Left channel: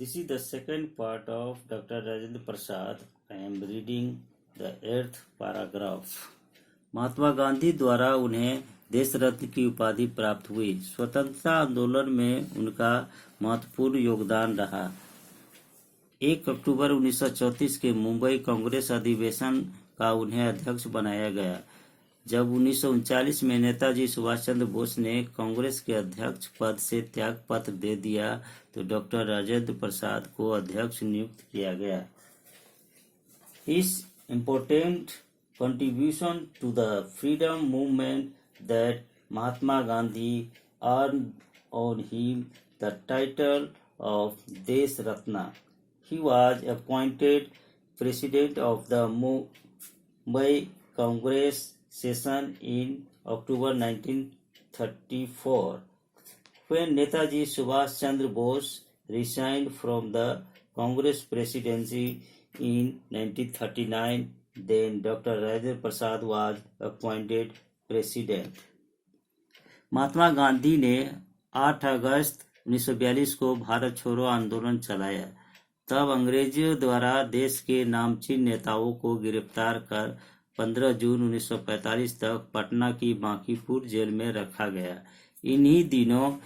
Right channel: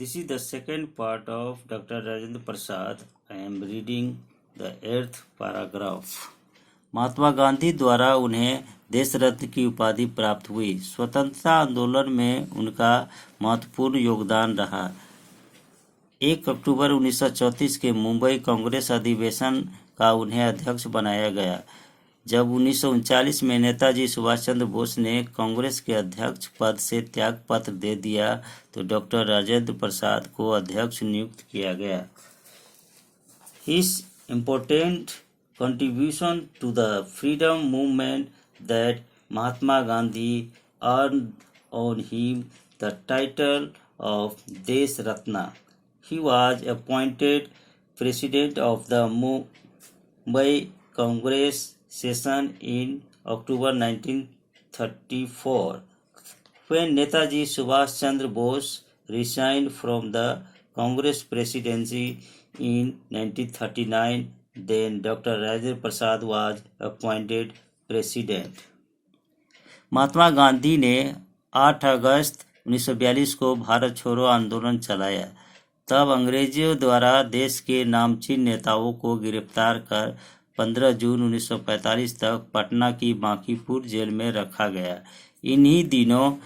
This is the second part of Dr. Rajendra Prasad. I am reading the 8th paragraph. Mahatma Gandhi द्वारा उन्हें देश रत्न की उपाधि प्राप्त हुई। स्वतंत्रता आंदोलन में उनका महत्वपूर्ण योगदान रहा। 1 अक्टूबर 1934 के मुंबई कांग्रेस अधिवेशन का उन्हें अध्यक्ष बनाया गया। जब 1939 में नेताजी सुभाष चंद्र बोस ने कांग्रेस के अध्यक्ष पद से त्याग पत्र दे दिया तो डॉक्टर राजेंद्र प्रसाद को अध्यक्ष नियुक्त किया गया। His important contribution to the freedom movement that Mahatma Gandhi earned on him the title of Desh Ratna. He was appointed president of the Mumbai Congress session in October 1934. When Netaji Subhash Chandra Bose resigned from the Congress presidency in 1939, then Dr. Rajendra Prasad was appointed president. Mahatma Gandhi ने 8 August 1942 को भारत छोड़ो आंदोलन चलाया। तब अंग्रेजियों द्वारा देश के नामचीन नेताओं को गिरफ्तार कर 15 जून 1945 तक पटना की बांकीपुर जेल में रखा गया। इन्हीं दिनों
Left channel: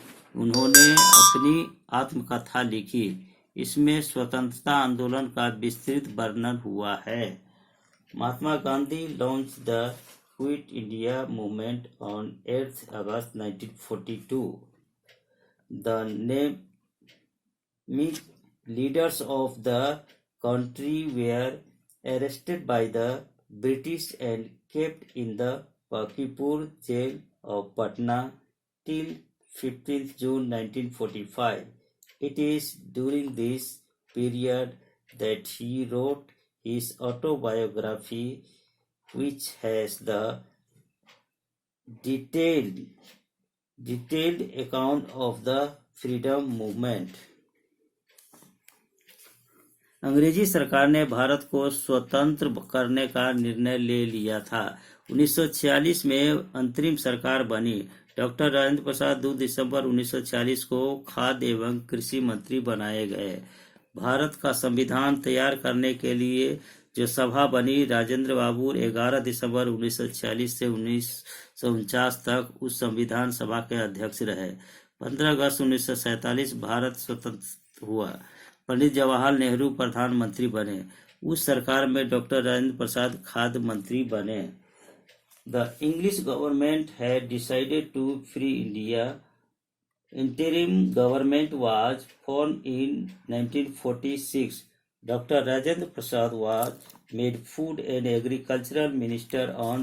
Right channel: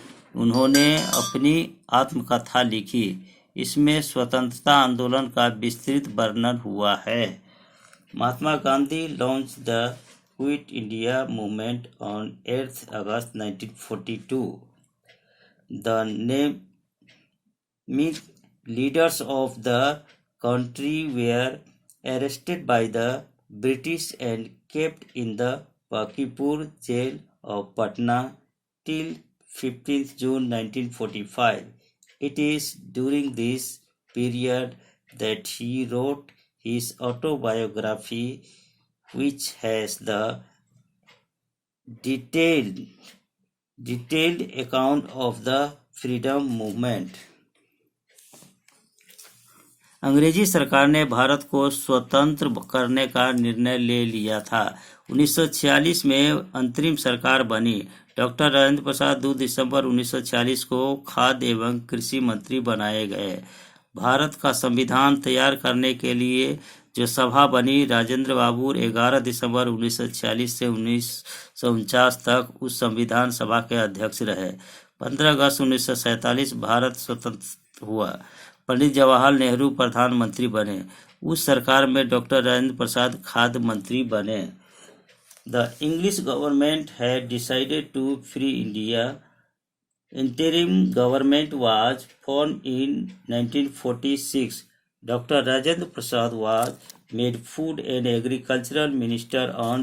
उन्होंने अपनी आत्मकथा लिखी। इसमें स्वतंत्रता आंदोलन का विस्तृत वर्णन हुआ है। Mahatma Gandhi launch the quit India movement on 8 August 1942. The named leaders of the country were arrested by the British and kept in the Pakipur jail of Patna till 15th June 1945. It is during this period that he wrote his autobiography, which has the detailed account of the freedom movement. अंग्रेजी सरकार ने भारत को स्वतंत्र करने का निर्णय ले लिया था। 1946 में अंतरिम सरकार बनी। डॉक्टर राजेंद्र प्रसाद 2 दिसंबर 1946 को खाद्य एवं कृषि मंत्री बनाए गए। भारत का संविधान तैयार करने के लिए जो सभा बनी, राजेंद्र बाबू 11 दिसंबर 1946 से 1949 तक उस संविधान सभा के अध्यक्ष रहे। 15 अगस्त 1947 भारत स्वतंत्र हुआ। पंडित जवाहरलाल नेहरू प्रधानमंत्री बने। उस सरकार में डॉक्टर राजेंद्र प्रसाद खाद्य मंत्री बने। The English government had decided to free India. Interim government was formed in 1946. Dr. Rajendra Prasad was made Food and Agricultural Minister on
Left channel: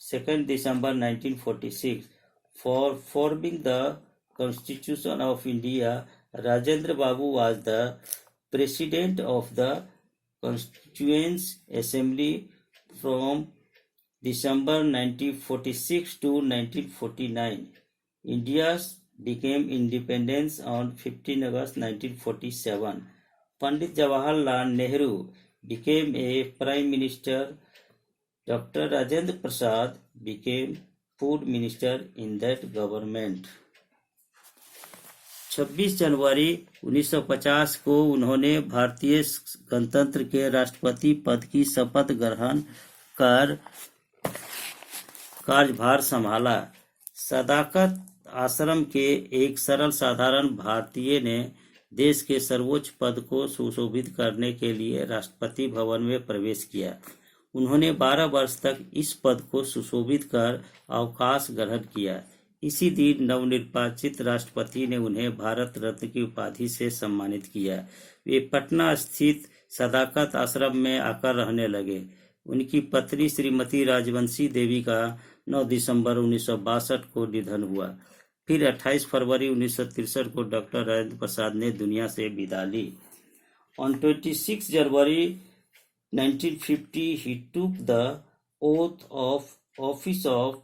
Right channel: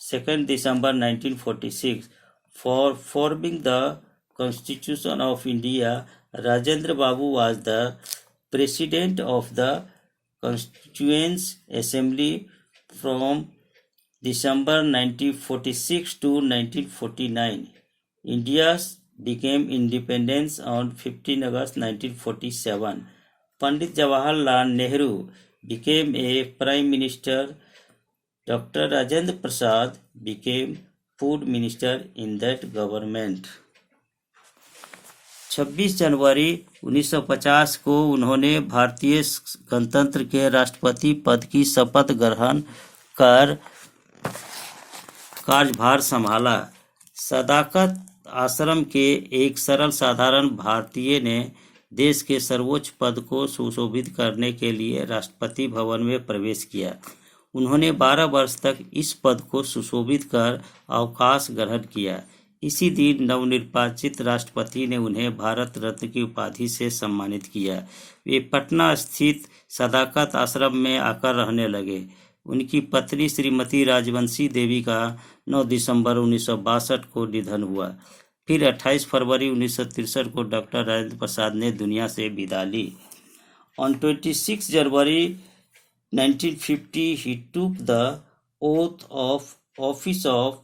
2nd December 1946. For forming the Constitution of India, Rajendra Babu was the President of the Constituent Assembly from December 1946 to 1949. India became independence on 15 August 1947. Pandit Jawaharlal Nehru became a Prime Minister. Dr. Rajendra Prasad became Food Minister in that government. 26 जनवरी 1950 को उन्होंने भारतीय गणतंत्र के राष्ट्रपति पद की शपथ ग्रहण कर कार्यभार संभाला। सदाकत आश्रम के एक सरल साधारण भारतीय ने देश के सर्वोच्च पद को सुशोभित करने के लिए राष्ट्रपति भवन में प्रवेश किया। उन्होंने 12 वर्ष तक इस पद को सुशोभित कर अवकाश ग्रहण किया। इसी दिन नवनिर्वाचित राष्ट्रपति ने उन्हें भारत रत्न की उपाधि से सम्मानित किया। वे पटना स्थित सदाकत आश्रम में आकर रहने लगे। उनकी पत्नी श्रीमती राजवंशी देवी का 9 दिसंबर 1962 को निधन हुआ। फिर 28 फरवरी 1963 को डॉक्टर राजेंद्र प्रसाद ने दुनिया से विदा ली। On 26 January 1950, he took the oath of office of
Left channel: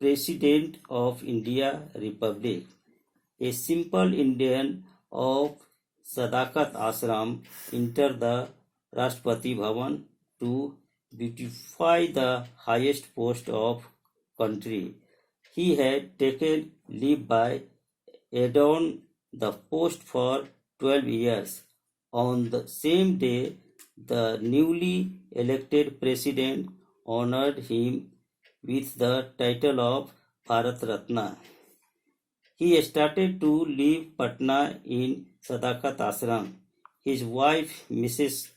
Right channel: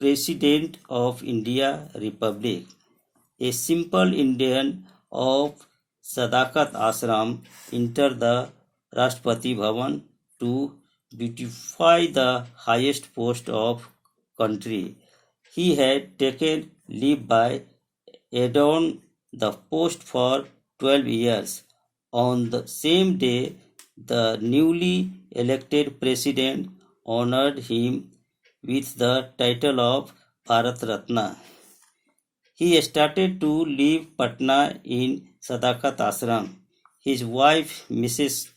President of India Republic. A simple Indian of Sadakat Ashram entered the Rashtrapati Bhavan to beautify the highest post of country. He had taken leave by adorn the post for 12 years. On the same day, the newly elected president honored him with the title of Bharat Ratna. He started to leave Patna in Sadakat Ashram. His wife, Mrs.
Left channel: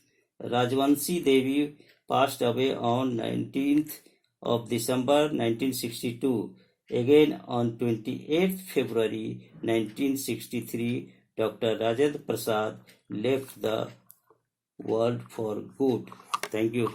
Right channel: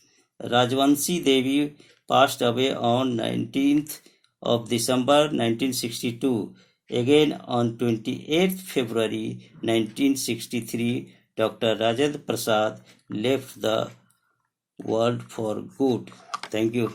Rajvanshi Devi, passed away on 19th of December 1962. Again on 28th February 1963, Dr. Rajendra Prasad left the world for good. Thank you.